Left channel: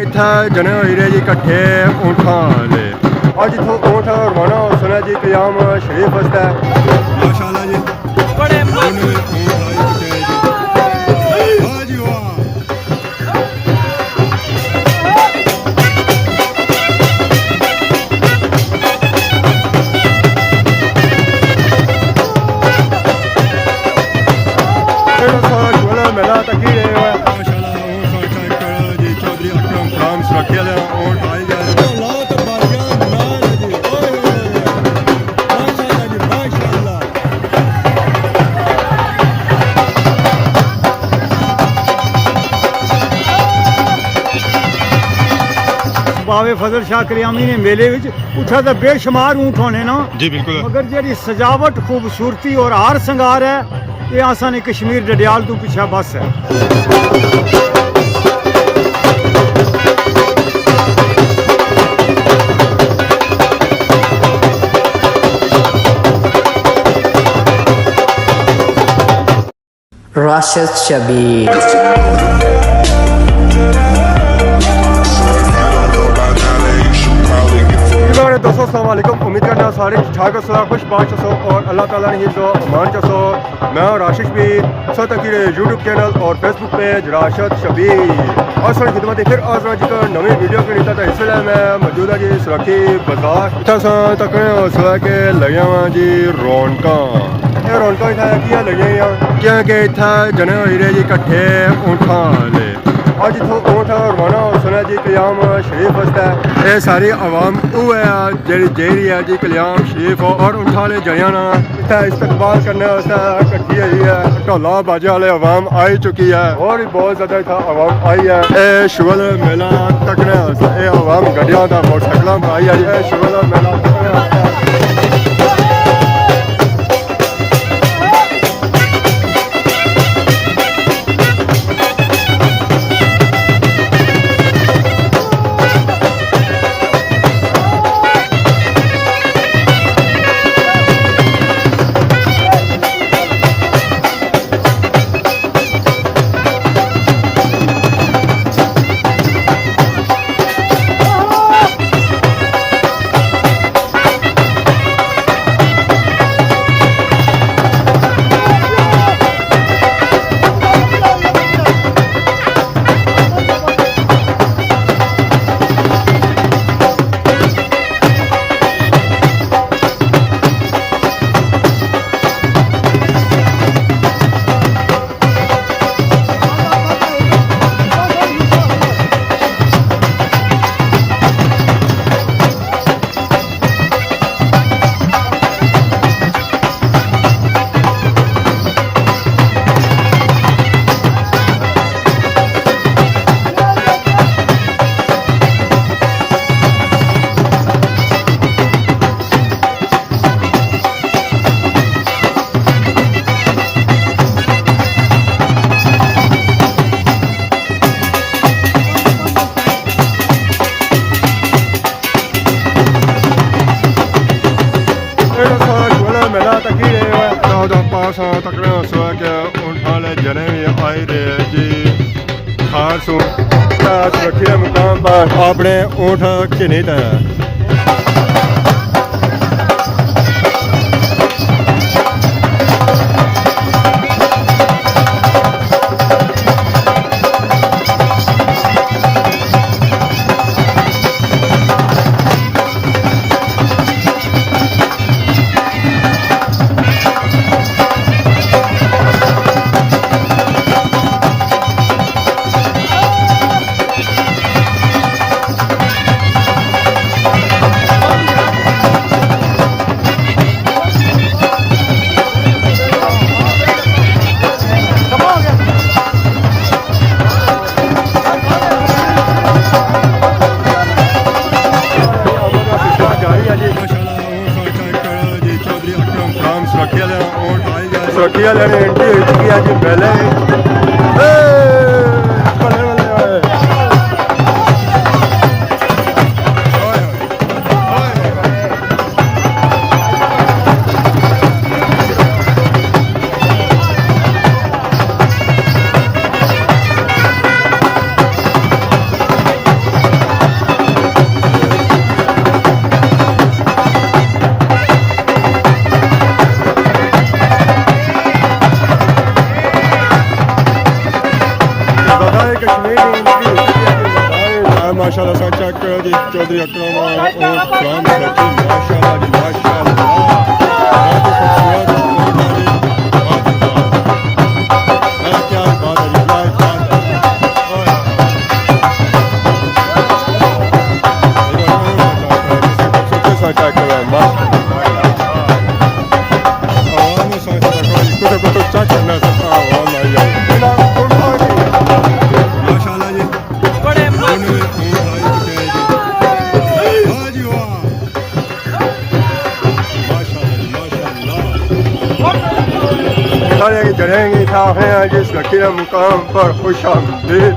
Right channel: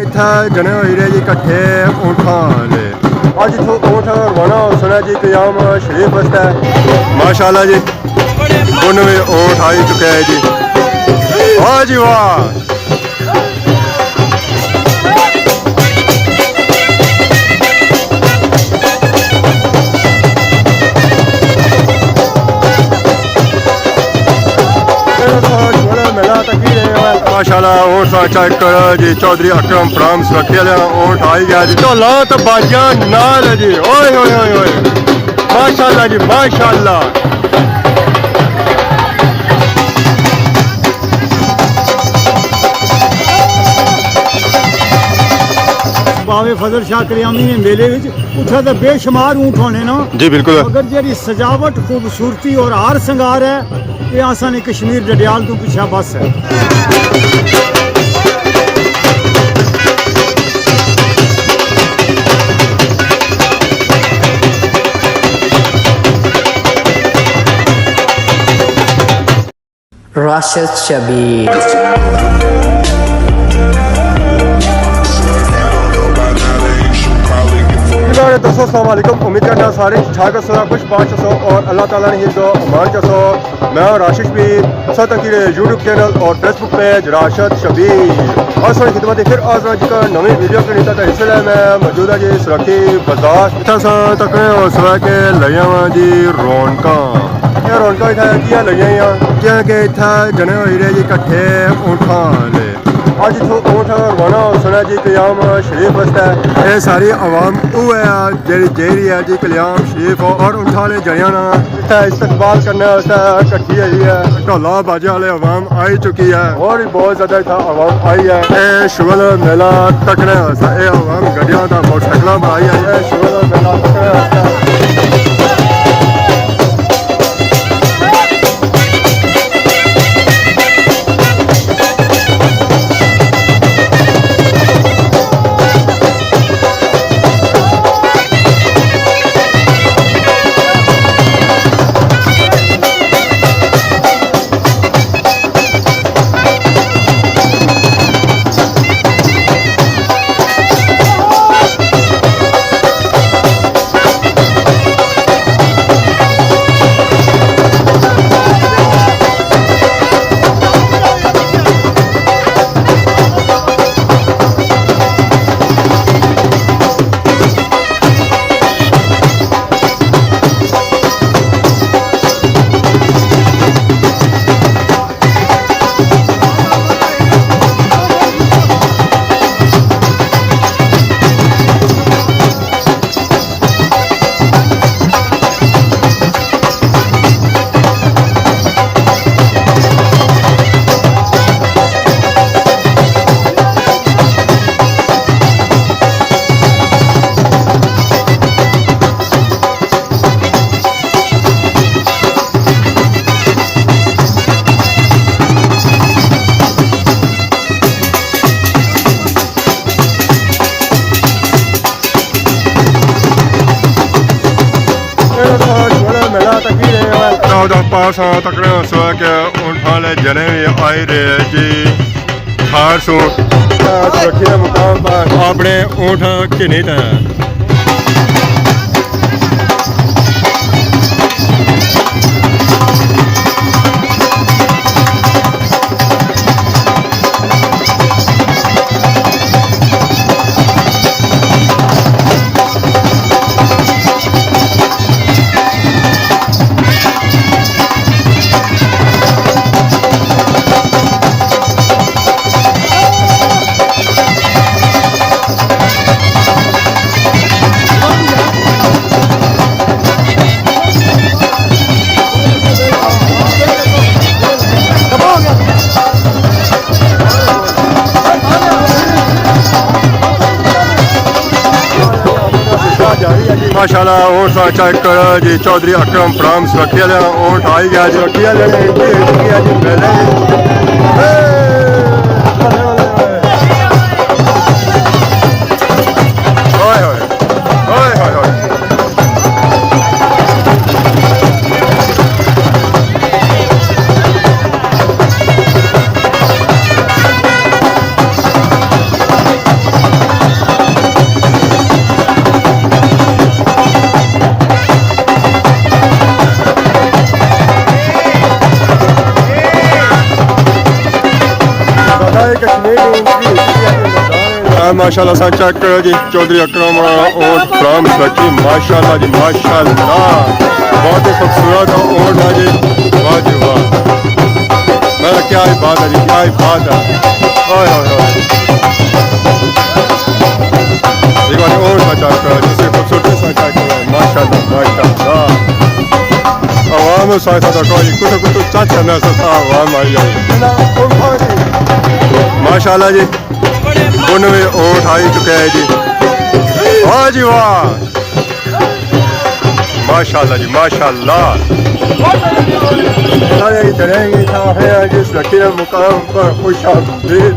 इतना जने हो रहे जी कट्ठे ऊँठां ले आज इथों ऊँठ रवाना हो सुना जी क़याम शरीफ वस्ता माशाल्लाह जी उन में ऊँठ आ चुके हैं जी वाह जी वाह। मेला तकी रहे माशाल्लाह ऊँट चेक करो जी चौधरी अकरम प्राम सुरक्षा ऊँट आई गया जी तो ला तो बाजियां नाल है जी ओए ओए ओए ओए माशाल्लाह जी माशाल्लाह। बावे फजल शाह करियामी ने मेले विच उठा तो बेशुमार ऊँट होने ना जी बिल्कुल मगर जी सजावट खूबसूरती और हार संगार है ये आसान कश्मीर डडियाल तो पीछा बस है। राशिद शबीर दोस्तों अस्सलाम वालेकुम उम्मीद करना सारे ठाक सो खुश बात चसो और अल्लाह ताला ने हिफ्ज़ो अमान चसो। मैं राशिद शबीर तक यूट्यूब चैनल और फेसबुक पेज राशिद शबीर और सारी खिदमत फिर आज जी का नवी वीडियो के नीता इस वे मैं मौजूद है जी सुरखी बाजार इतना तकने हो सवा के लगिया वा जी रौनक ये रौनक इतना किया लगिया क्योंकि इतना जने हो रहे जी कट्ठे ऊँठां ले आज इथों ऊँठ रवाना हो सुना जी क़याम शरीफ वस्ता ये सारी आवाम जेरी है जी क़याम शरीफ और ऊँठा वाले जरिया ना इतना इस्तकबाल करने वास्ते कट्ठी आई है ढोला बाजे वाले आवाम आई चुकी है और भी बहुत ज़्यादा इतना आवाम आई है ये शुगल मेला तकने वास्ते ये आवाम गड्डियां का मोटरसाइकिल बनाई है ये शुगल मेला तकने वास्ते। मेला तकी रहे पास तकने सो के ऊँठा वाले जने भी आई रहे जी थार सूट सुरक्षित मुकाम पर अपने ऊँठ किन्हीं तय जारी है जी माशाल्लाह ऊँट चेक करो जी चौधरी अकरम प्राम सुरक्षा ऊँट आई गया जी सुरक्षा ने एंट्री हो चुकी है जी मेले कश्मीर की एंट्री हो चुकी है जी मैदान माशाल्लाह सा चेक करो जी चौधरी अकरम ऊँट फ्राम सकी माशाल्लाह जी माशाल्लाह बहुत ही खूबसूरत ऊँट है जी वाह जी वाह मेरा क्या ही बात है जी क्या ही बात है ओए ओए ओए एक बार ऊँट सा चेक करो जी उसके खूबसूरती सा चेक करो माशाल्लाह माशाल्लाह आवाम साथ कोई कुछ चेक करना सा आवाम आई जाए ना उठा के माशाल्लाह जी 92 ऊँट आई चुके हैं जी वाह जी वाह माशाल्लाह जी माशाल्लाह सारे चढ़ेंगे हैं जिस लकीर मुकाम पर खुश आमदीद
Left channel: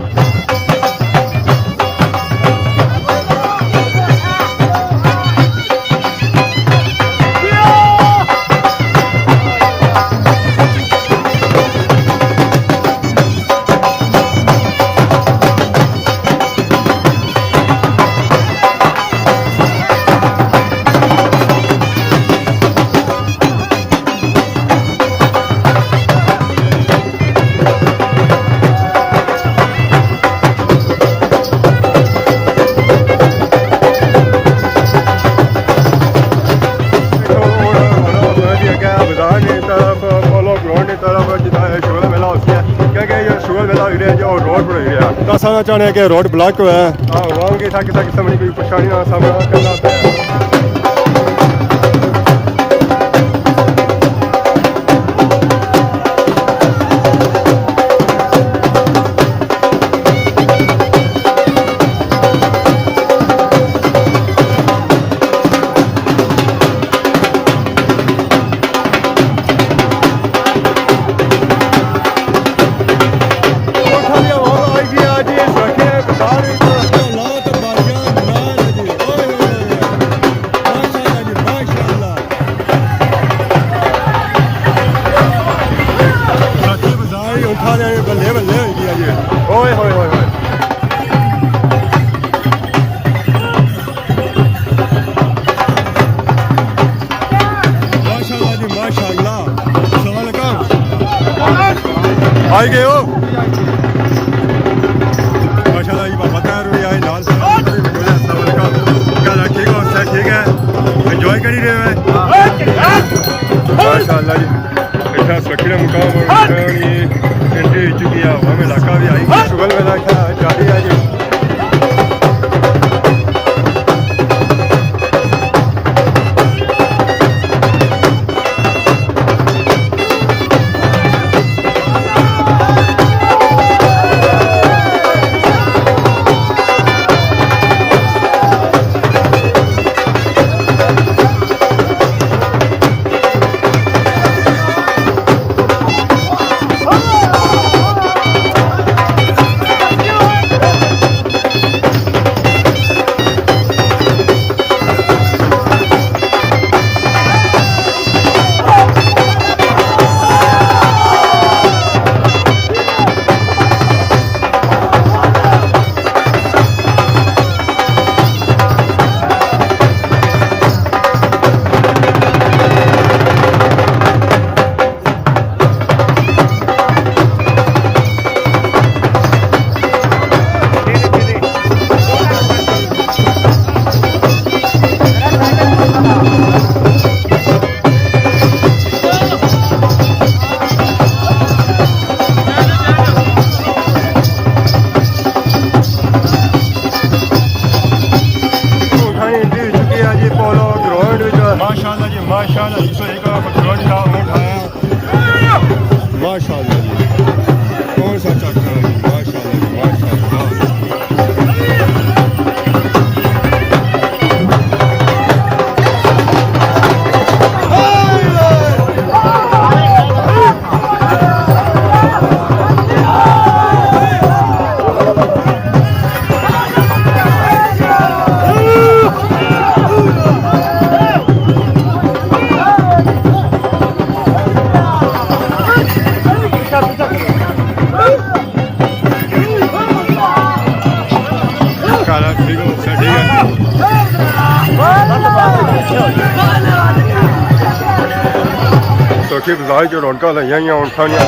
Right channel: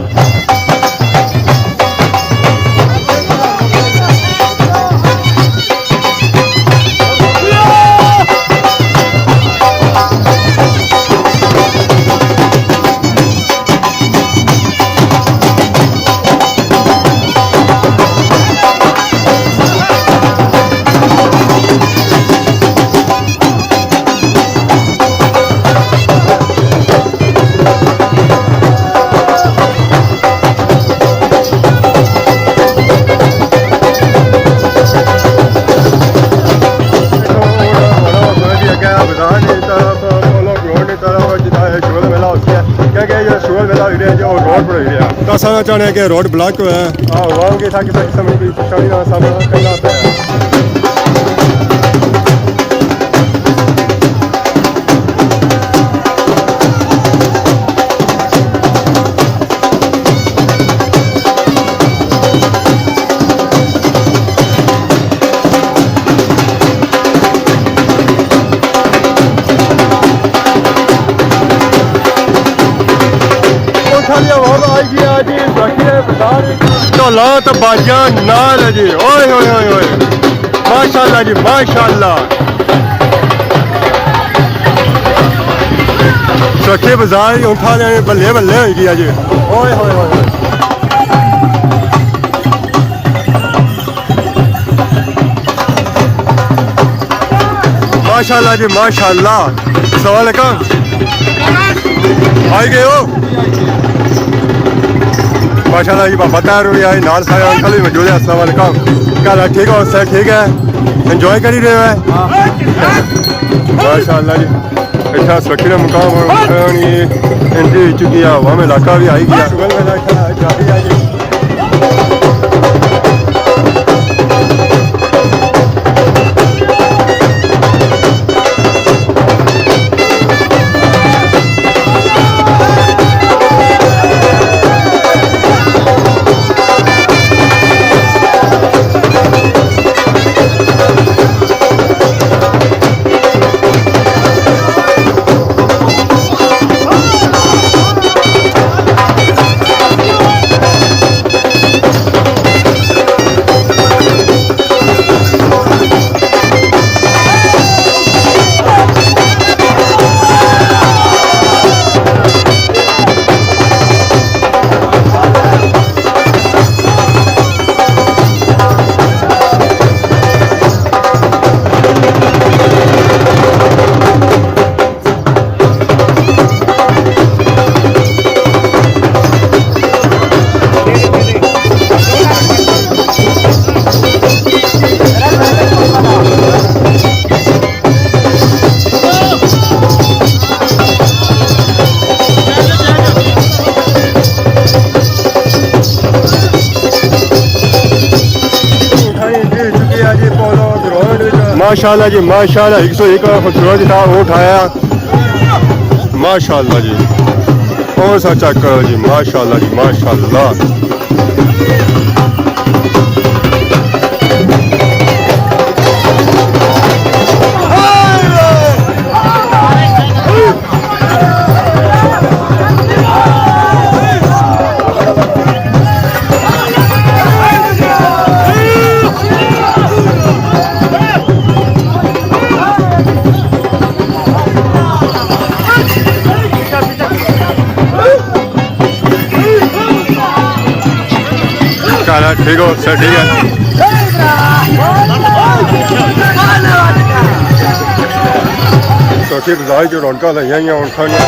तो सारा चाहते हैं कि रोड ब्लॉक हुआ है आवाम के था किसी किस्म की परेशानी का सामना करना पाया तो बाजियां नाल है जी ओए ओए ओए ओए माशाल्लाह जी माशाल्लाह छोटे बाजार उठा लेने बल्ले बल्ले हो गया जी ओए होए होए होए माशाल्लाह जी माशाल्लाह अस्सलाम वालेकुम आई गए हो माशाल्लाह जी बाबा तैयार हुई है नाल सारे अंकल भी मौजूद है अस्सलाम वालेकुम क्या ठीक हो सर ठीक है एंजॉय करी रहे हैं माशाल्लाह जी इतना सुरक्षित मुकाम और एंट्री हो चुकी है हवा में इलाका भी आई गया सुबह में जारी है जी माशाल्लाह जी माशाल्लाह 101 खूबसूरत था वो उठाया माशाल्लाह जी कौन सा चेक करो जी माशाल्लाह जी माशाल्लाह ठीक हो सर ठीक है सौखी बाजार जो रौनक लाइया उठानिया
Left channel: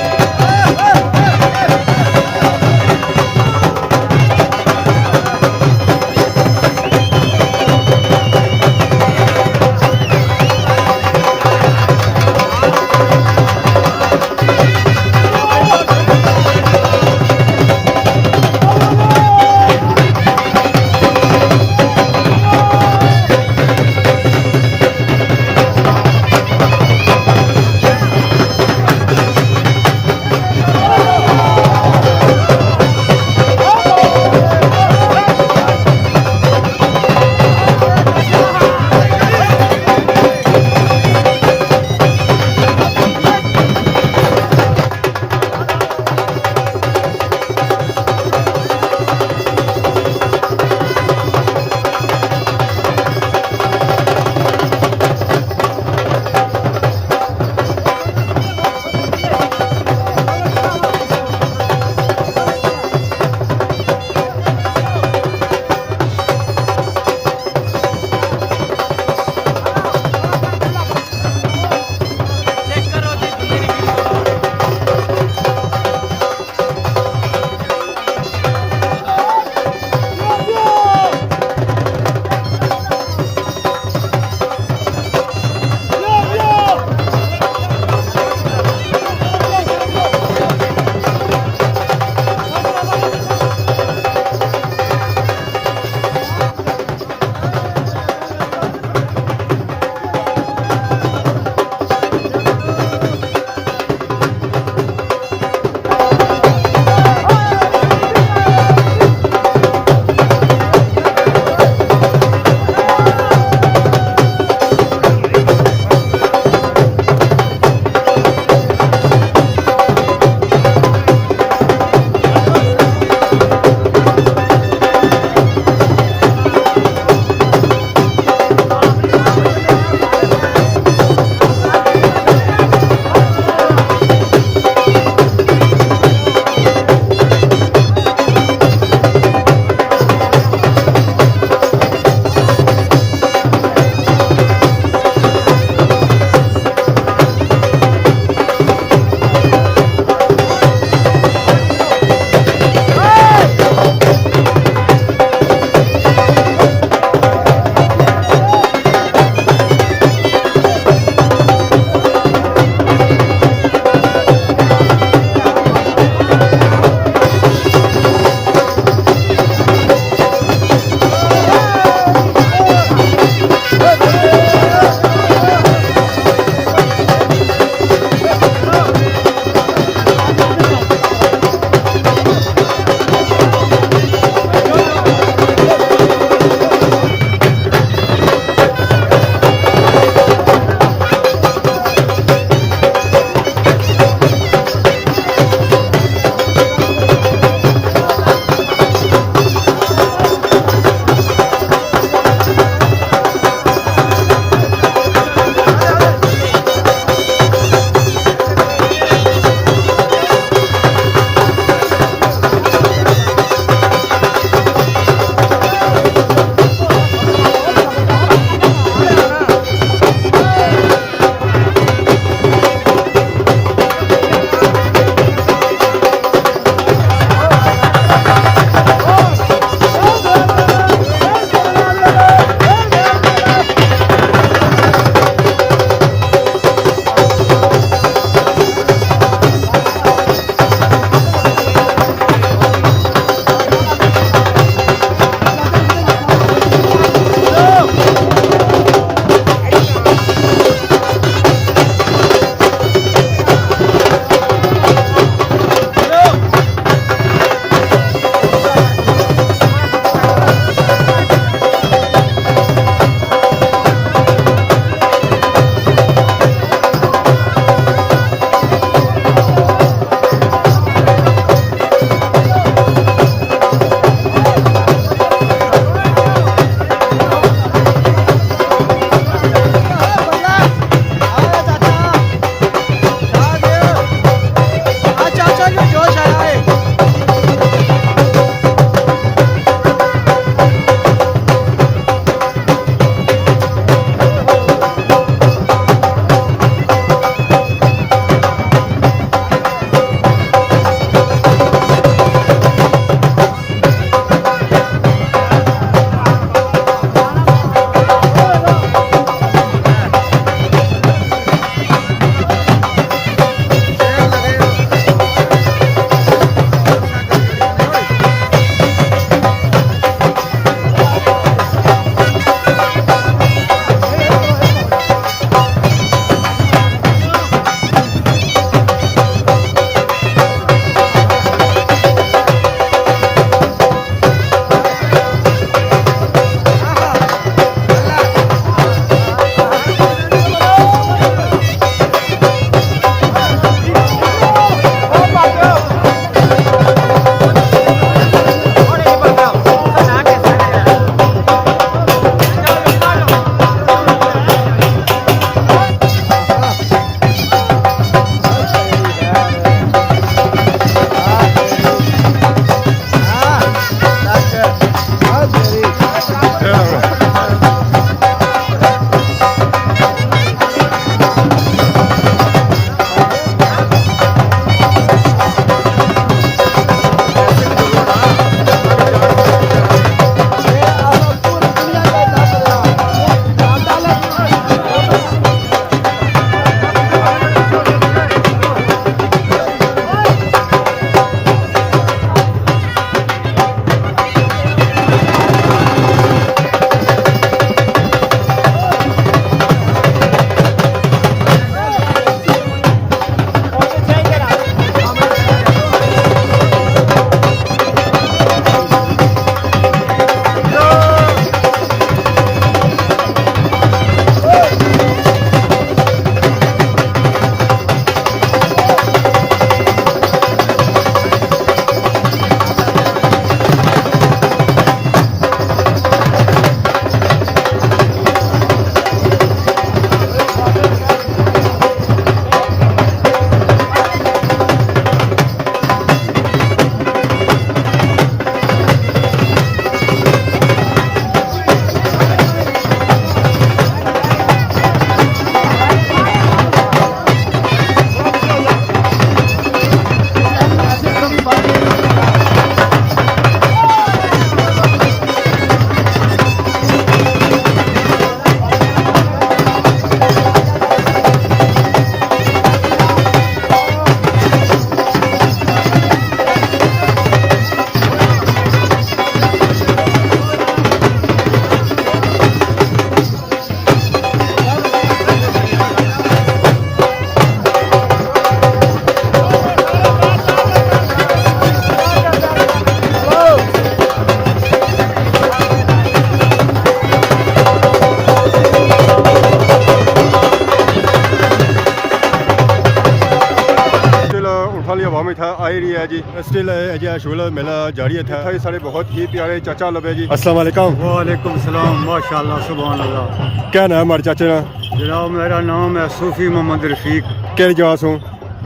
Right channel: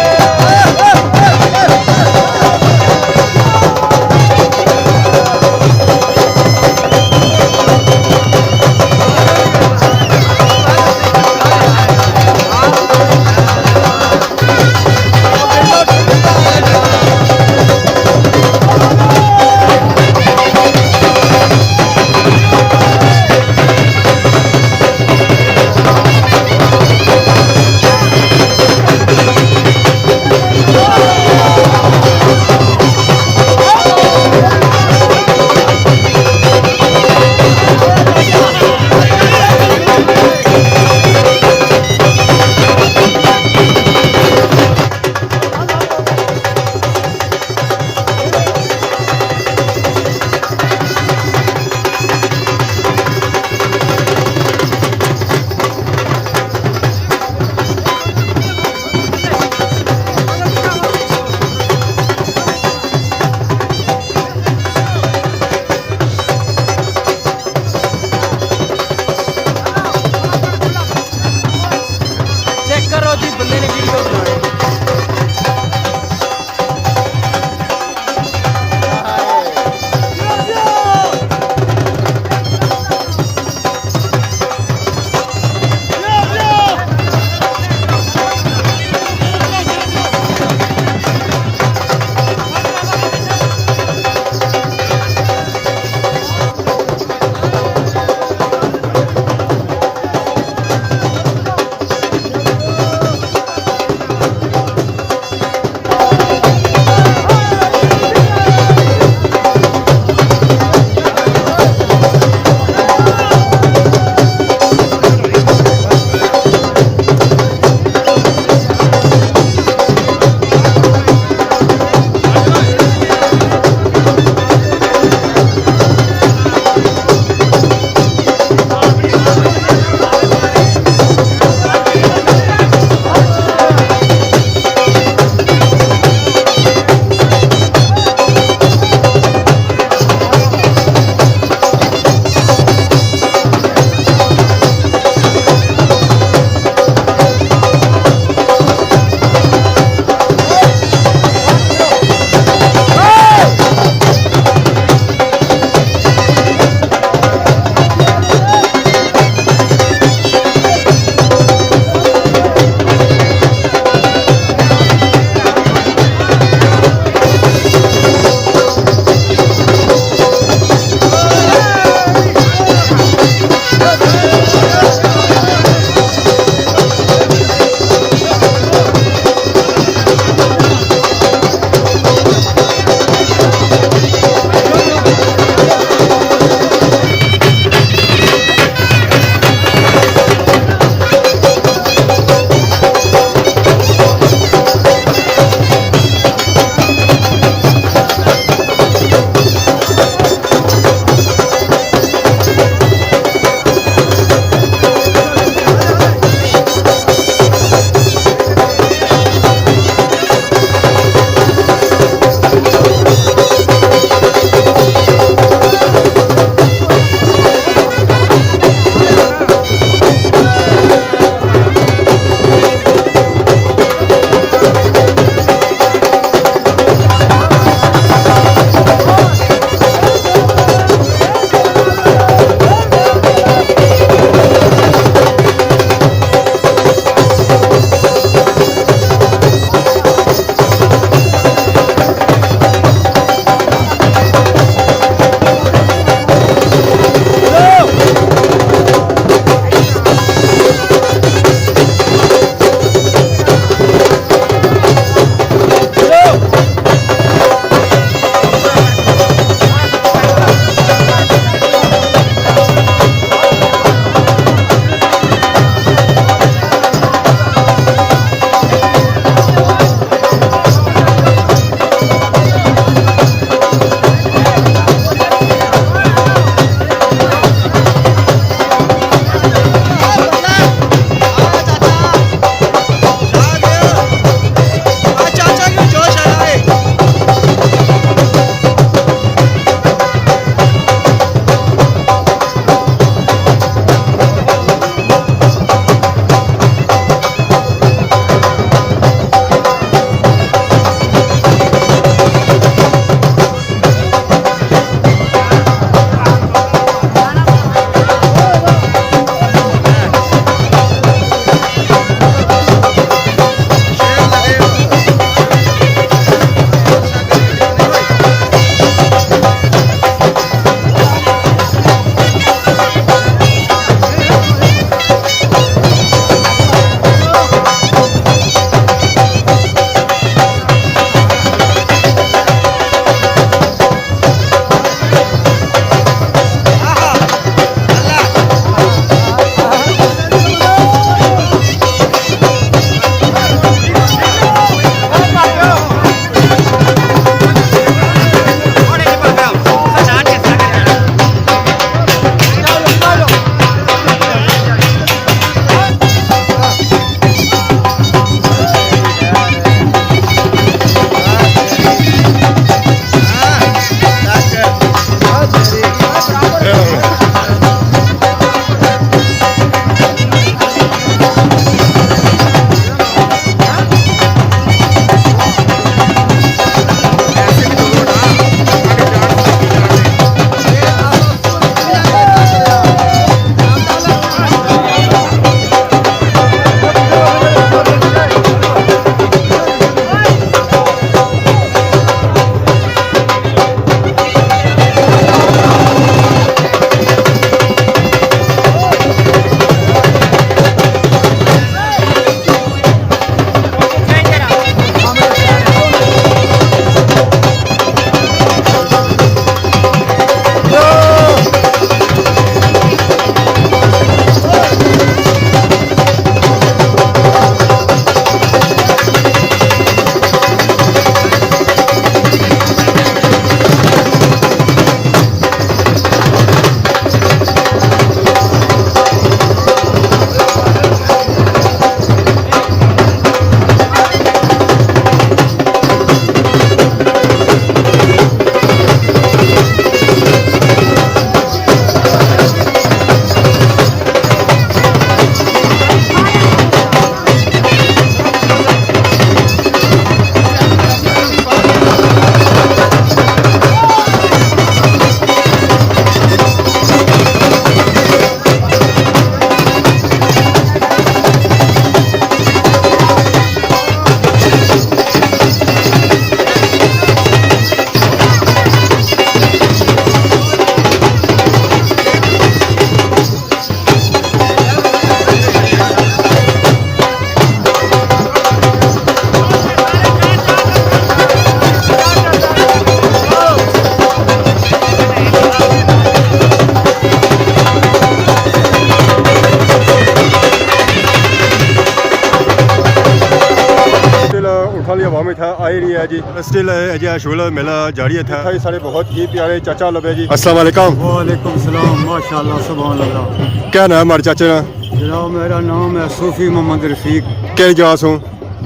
शाम इतना आई रही है जी स्टिल अजय शुगल मेला जारी है था सारे बहुत ही प्यारे चाचा लबे जी अस्सलाम वालेकुम वालेकुम सलाम माशाल्लाह सुभान अल्लाह। क्या नाम है हमारे चाचे का जनाब मेरा नाम है सूफी मोहम्मद रफीक। क्या जवास हूँ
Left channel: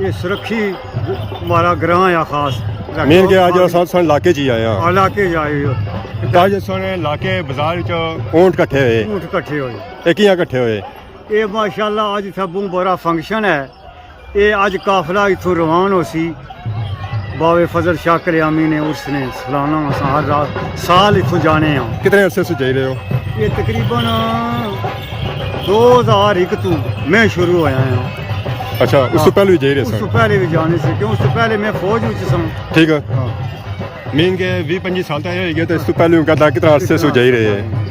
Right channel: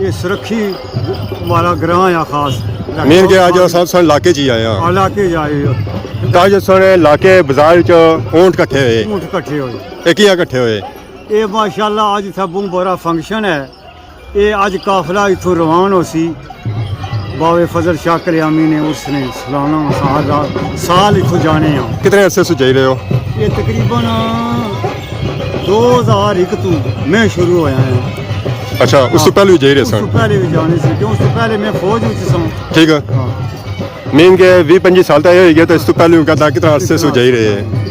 ये सुरखी हमारा ग्रां या खास मेन के आज सन इलाके च ही आए हैं इलाके जाए ताज सन इलाके बाजार च ऊंट कट्ठे हुए ऊंट इकट्ठे होए ये कियां कट्ठे हुए ये माशाल्लाह अज इत्थै बहुत बड़ा फंक्शन है। ये अज काफला इथों रवान हो सी बाबे फजल शाह कल्यामी ने उसने सालाना हर रात साल इथों जाने हैं। कितने अरसे से जाई रहे हो ये तकरीबन 2001 तू मैं शुरू होया हूँ। अच्छा उस तो पहले भी जाई रहे उस तो सन पहले भी जाने से क्यों उस तो पहले मैं फौज विच सां। ठीक है हाँ मीन के 20-25 साल तक हो गया तो इस तो पहले कहता कितना अरसे से जाई रहे हैं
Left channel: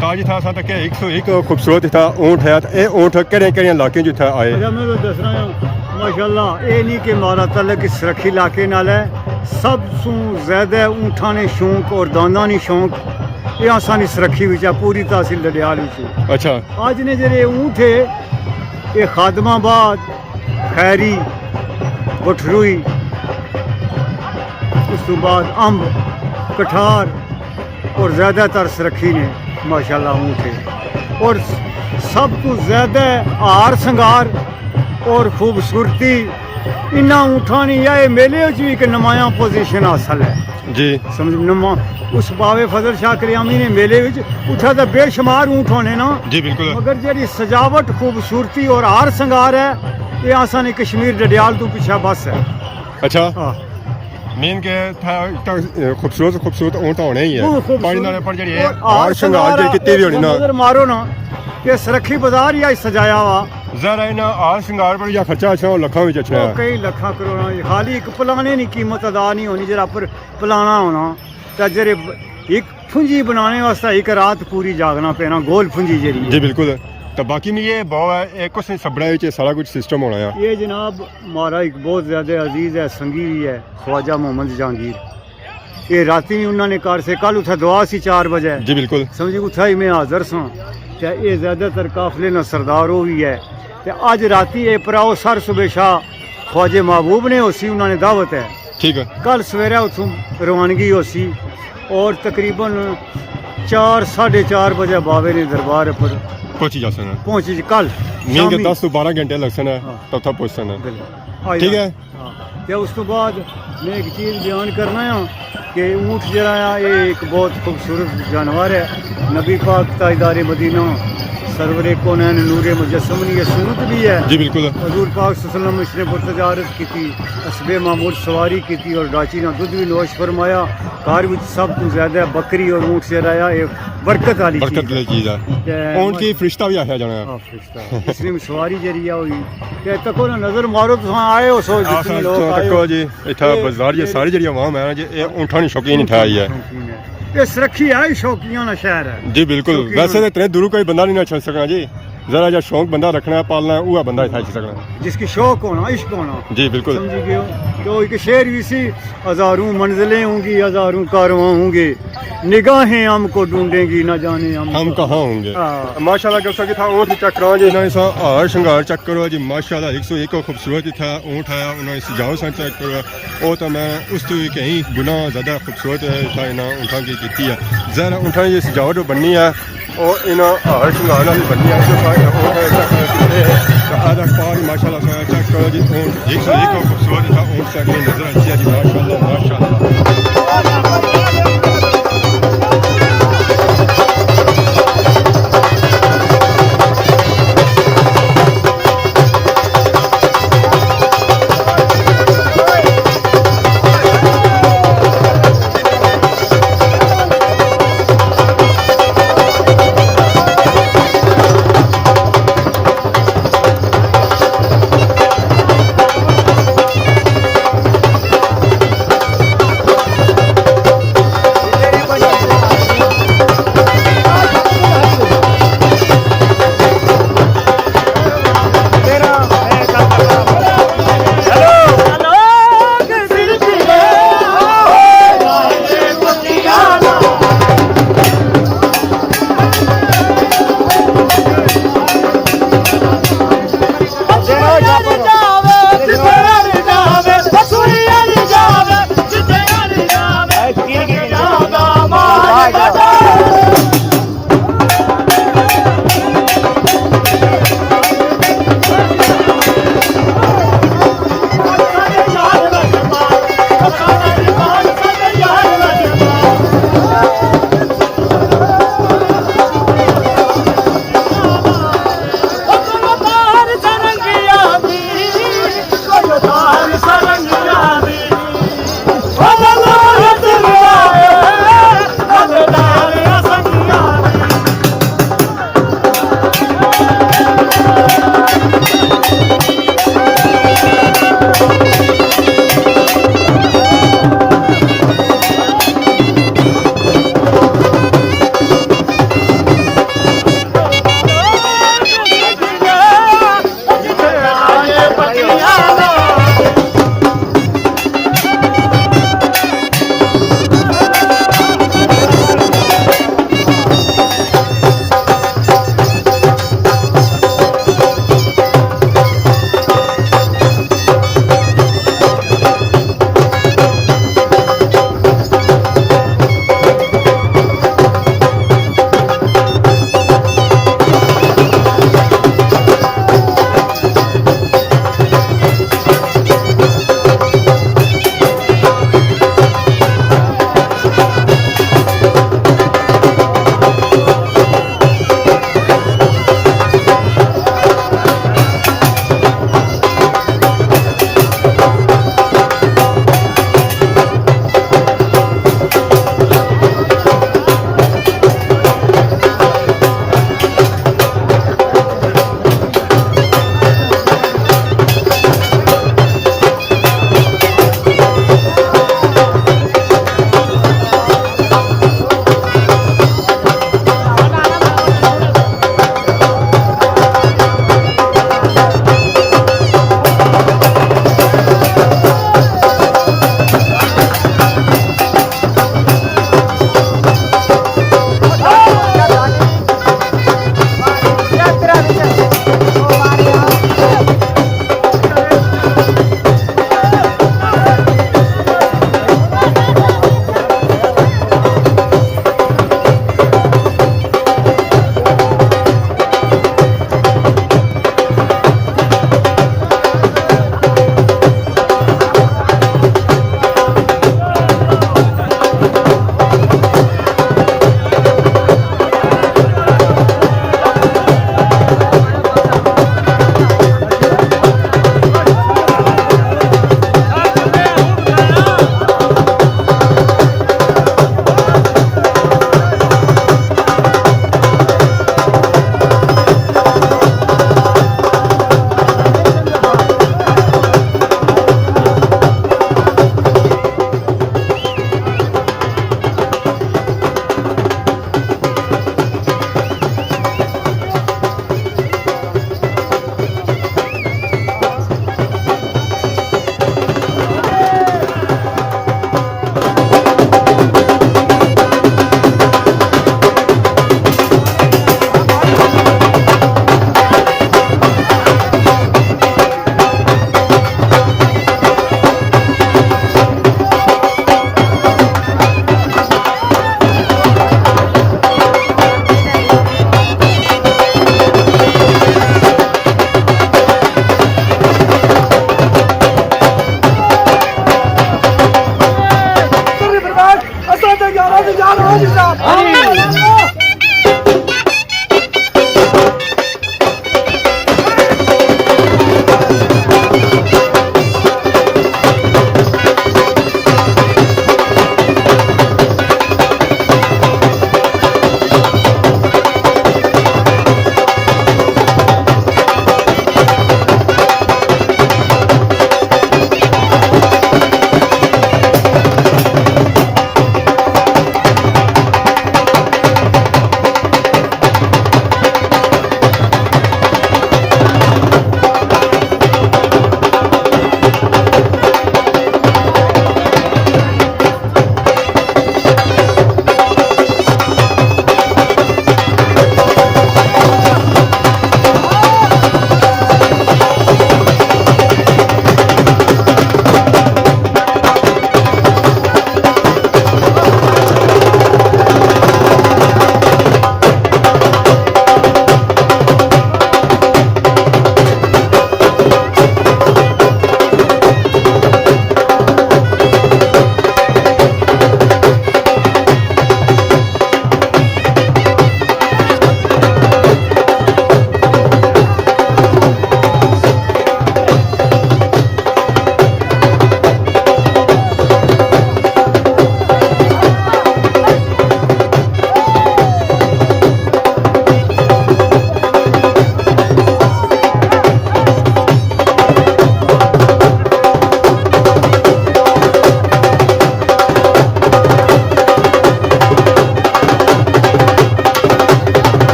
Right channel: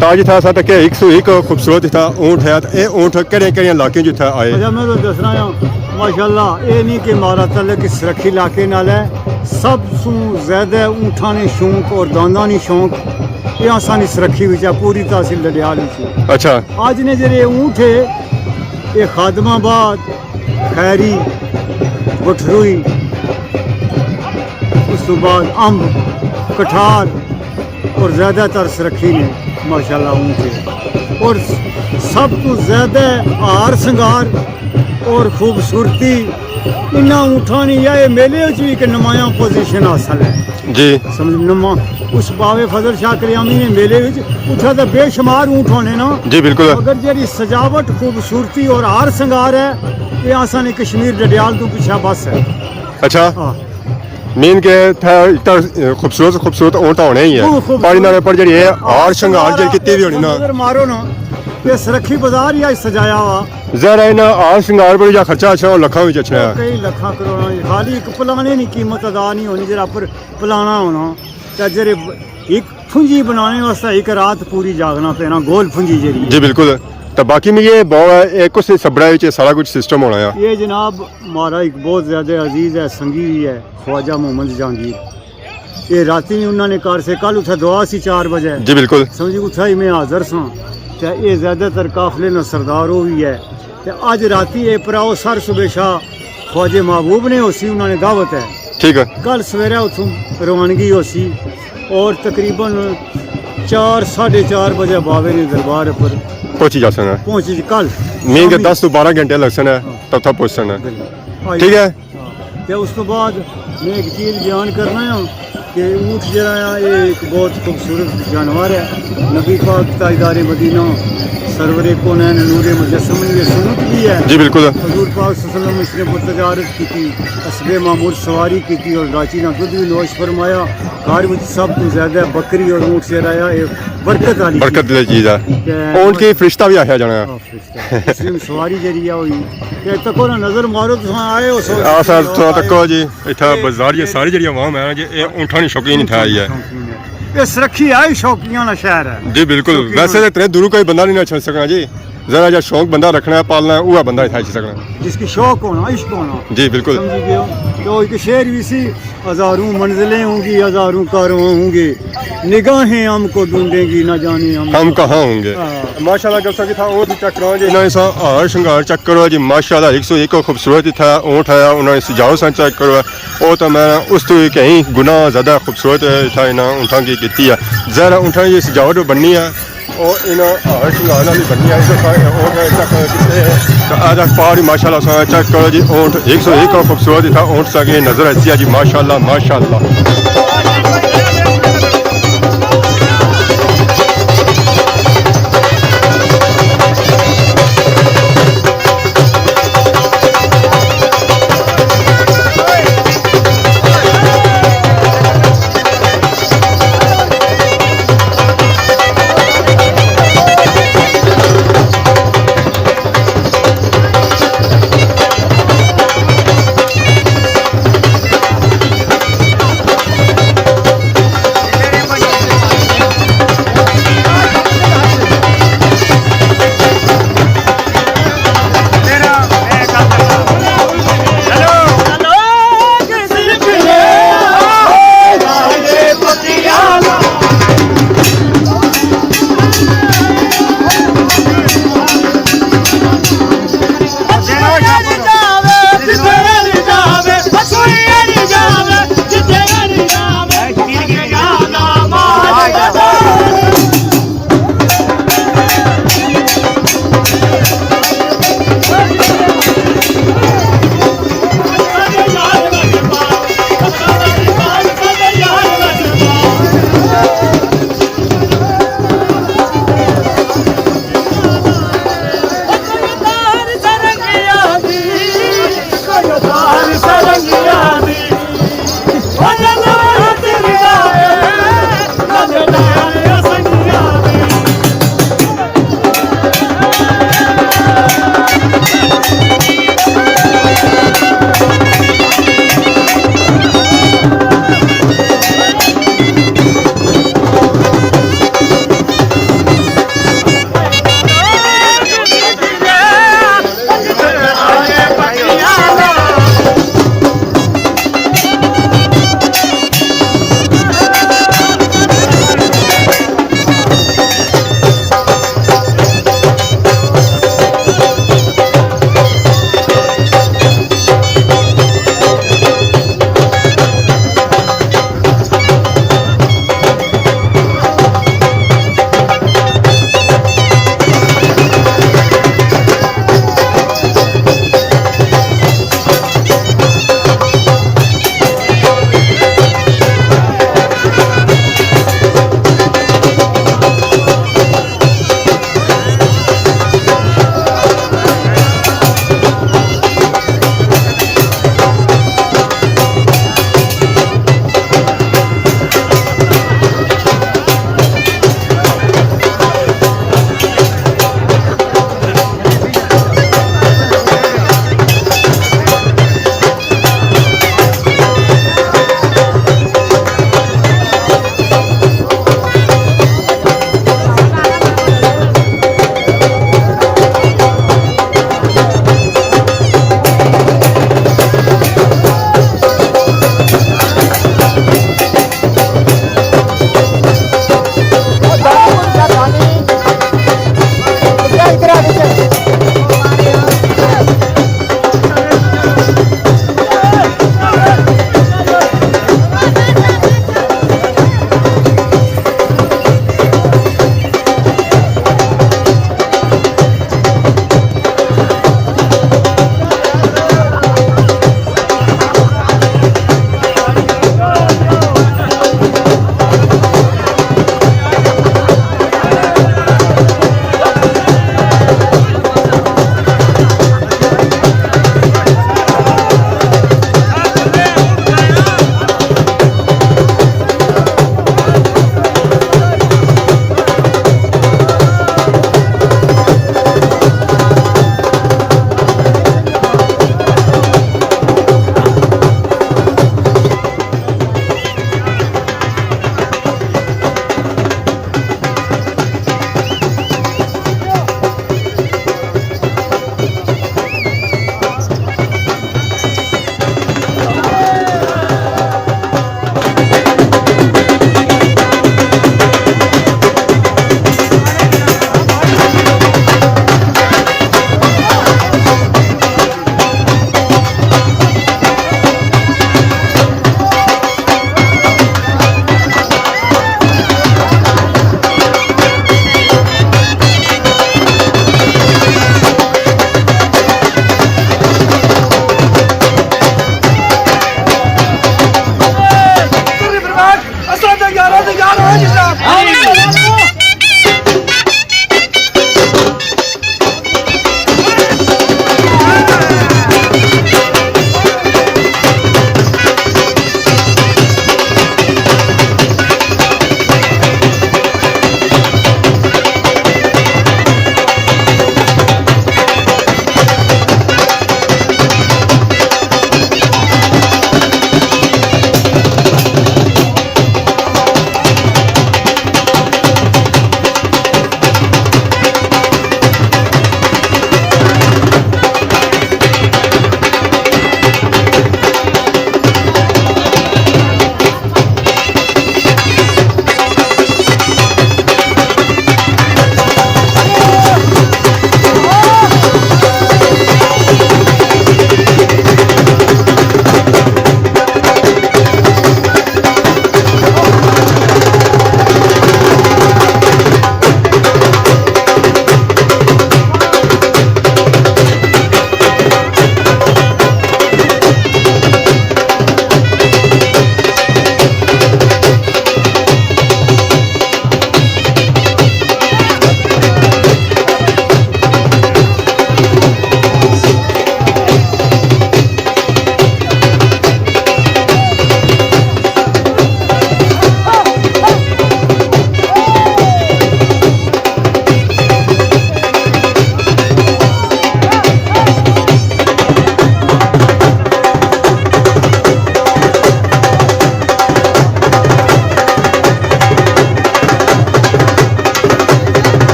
ताज था सा तक 101 खूबसूरत था ऊंट है ये ऊंट केड़े केड़े इलाके जो था आए अच्छा मैं तो दस रहा हूँ माशाल्लाह ये नहीं कि मारा तलक इस रखी इलाके नाल है सब सू ज्यादा ऊँठा ने शौक और दांदा ने शौक ये आसानी सुरखी विच है पूरी तहसील डडियाल विच। अच्छा आज ने जेरे ऊँट है ये खादमाबाद खैरी बठरूई उस तो बाद अंब कठार और ज़्यादातर सुरखी ने माशाल्लाह ऊँट है और सब तो ज़्यादा हार संगार और खूबसूरती इन्ना ऊँठा नहीं है। मेले च भी एक नमाया पोजीशन हासिल है जी समझ नमा उस बाबे फजल शाह कल्यामी ने मेले विच उठा तो बेशुमार ऊँट होने ना जी बिल्कुल मगर जी सजावट खूबसूरती और हार संगार है ये आसानी कश्मीर डडियाल तो पीछा बस है। अच्छा हाँ मीन के था इतना खूबसूरत ऊंट होने ही बहुत है खूबसूरत। पानी नाले पर जड़ी है हार श्रृंगार जड़ी कितनी भी होनी ना नजर मारो ना ये सुरखी बाजार या सजाया हुआ जरा इना हार श्रृंगार पर जा खर्चा अच्छा लखा विच अच्छा है कई लखा करोड़ा खाली एक पलाने की कीमत अदा नहीं होनी जरा पर पलाना होना तो जरे एक फुंजी बनाने वास्ते एक रात पूरी जागना पैना गोल फुंजी जरी जी बिल्कुल तो बाकी में ये एक कुछ सबरा विच सारा कुछ सिस्टम होना है ये जनाब हमारा एक बहुत ज़्यादा अजीज़ है संगी भी है ख्वाजा मोहम्मद जहांगीर ये राती भी उन्होंने कार से कल उठा दुआ सी 4 बजे जी बिल्कुल समझी उठा ही मैं हाजिर सां ते ये ज़्यादातर काफले न सरदार हो भी है ते अज राती ये पराओ सर सुबह शाह ख्वाजे महबूब ने होसी उन्होंने दावत है ठीक है कल सवेरे उतों रवानगी होसी और तकरीबन 4-4:30 बजे बाबे ने दरबार पर पहुंची जा सकना पहुंची जी कल नहीं के 10 तो 12 घंटे लग सकना हाँ। तब तक पहुंच सकना ठीक है ते उस तो बाद मैं एक चीज़ बयान करना है कि ऊँट जरा ये एक बहुत खूबसूरत जानवर है। नबी पाक ताजदार मदीना सरवरे कोनैन नूरे मुजस्सम ने ये सुन्नत भी है जी बिल्कुल हजूर पाक सल्लल्लाहु अलैहि वसल्लम इसने पुरतजारत की थी असबे मामूल सवारी की थी और राची ना दूध भी नोश फरमाया कार विच सब तो ज्यादा बकरी और ऊँट से रहा ये बरकत वाली बरकत ले चीज है ऊंट की फरिश्ता भी आया जाना इसलिए सवारी जरी हुई ते तको ना नजर मारो तो आए हो सो आसा तो तको जी इथा बाजार ये सारी जड़ी आवाम है जी ये ऊंठा नहीं शौकीन था ही है ये सुरखी है शौकिया ना शहर है जी बिल्कुल वैसे तो इतने दूर कोई बंदा नहीं ना छड़ सकना जी जरा जो शौक बंदा रखना है पालना है वह बंदा इतना सकना जिसकी शौक होना इश्क होना जी बिल्कुल समझी गए हो तो एक शेर भी सी हजारों मंजिलें होंगी हजारों कारवां होंगे निगाहें हमको ढूंढेंगी ना जाने हम कहाँ होंगे माशाल्लाह जब सकी था ऊँट चेक करो जी इन्होंने सा हार श्रृंगार चेक करो जी माशाल्लाह 101 खूबसूरत था ऊँट है उन्होंने सजाओ सा चेक करो वो तो मैं उस तो कहीं गुना ज़्यादा खूबसूरत था इन्होंने ऊँटा की है ज़रा ऊँटा की सजावट बननी है और इन हार श्रृंगार वाली बननी है ऊँट चेक कितने तो आज पारी माशाल्लाह सा चेक करो जी ऊँट 101 खूबसूरत था ऊँट सा नजर ऐसी है जी माशाल्लाह माशाल्लाह।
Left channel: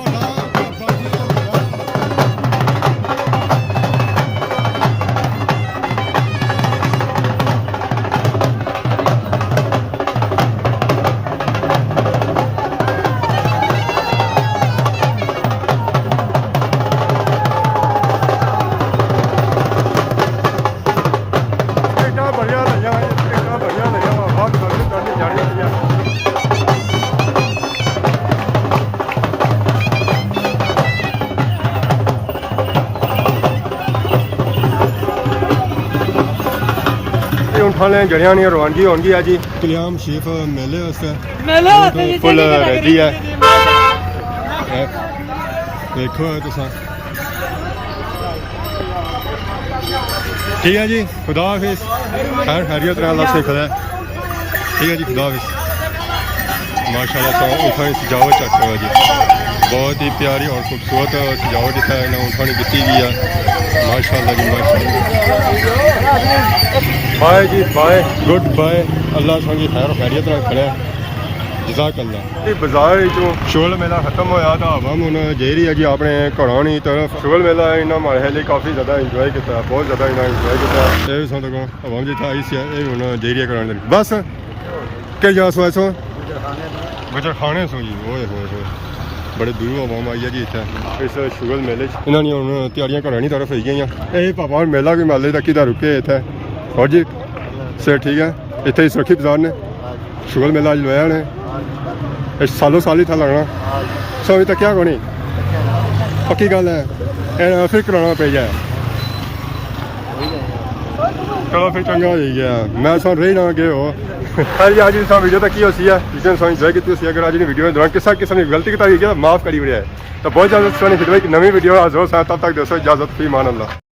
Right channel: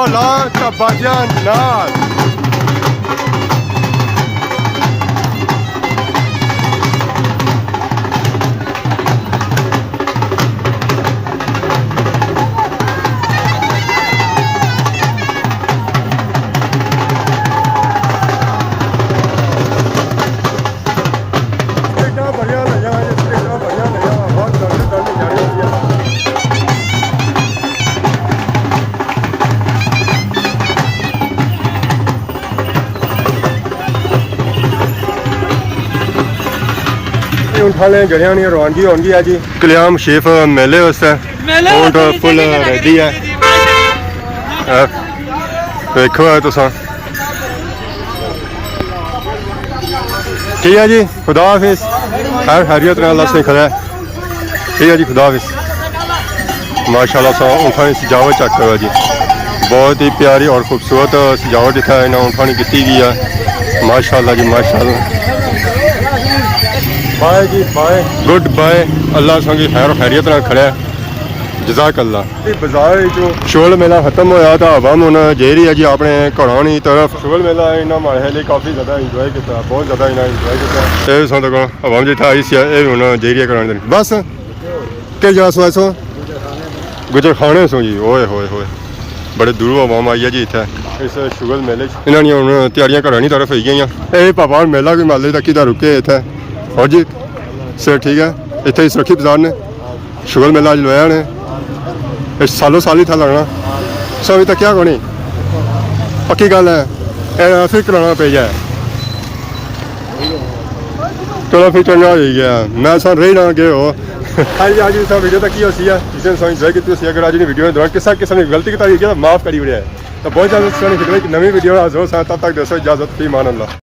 ਢੋਲਾਂ ਤੇ ਬਾਜਿਆਂ ਨਾਲ बढ़िया लगा ये स्टेटा बढ़िया लगा बहुत दर्द जाने दिया उठाने जड़िया नहीं रवानगी होगी है जी कल्याम शेफ मेले वास्ते ऊंट फुल रेडी है देखो है तुसा ठीक है जी खुदा हाफिज खैर खैरियत ने अल्लाह से खड़ा है ठीक है जी खुदा हाफिज माशाल्लाह सा ऊँटानी सजावट चेक करो जी बहुत ही प्यारी और खूबसूरत सजावट इतना इन्हें ऊँटानी की गई है माशाल्लाह जी माशाल्लाह बाय जी बाय गुड बाय अल्लाह संगी खैर खैरियत ना खड़ा है जजाक अल्लाह बाजार जो शोल मेला खत्म होया तो अवाम हुन जा रही है जी अपने घरों की तरफ शोल मेला इन्होंने हमारे लिए काफ़ी ज़्यादा इंजॉय किया बहुत ज़्यादा इन्हें इंजॉय किया ये सुन तक अवाम जितना आई सी ये हुन जा रही है घरों बस के जा सो ऐसो गुजर खाने सो जी ओए होए होए बड़े दूरों अवाम आई है जी इतना इस शुगल मेले इन्होंने हूँ तैयारियां घरों की तरफ हो गई ये पापा मेला भी माले तक ही रुके इतना और जी सर ठीक है इतने ही सुरखी बाजार ने शुगल मेला अज लोया ने सालों साल ही था लगना सो अभी तक क्या कोनी पक्की गल है फिर कराना पे जाए चलो फिर चंगा हो गया मैं सन रही ना गए हो हाँ जी आज वीडियो तक ही होती है जिसने सो इंजॉय की अगर आज वीडियो के दौरान किसी किसी ने गलती की माफ़ करी उड़े तो बहुत ज़्यादा वीडियो नवी वीडियो हाजिर हो तब तक दोस्तों इजाज़त फी मान अल्लाह।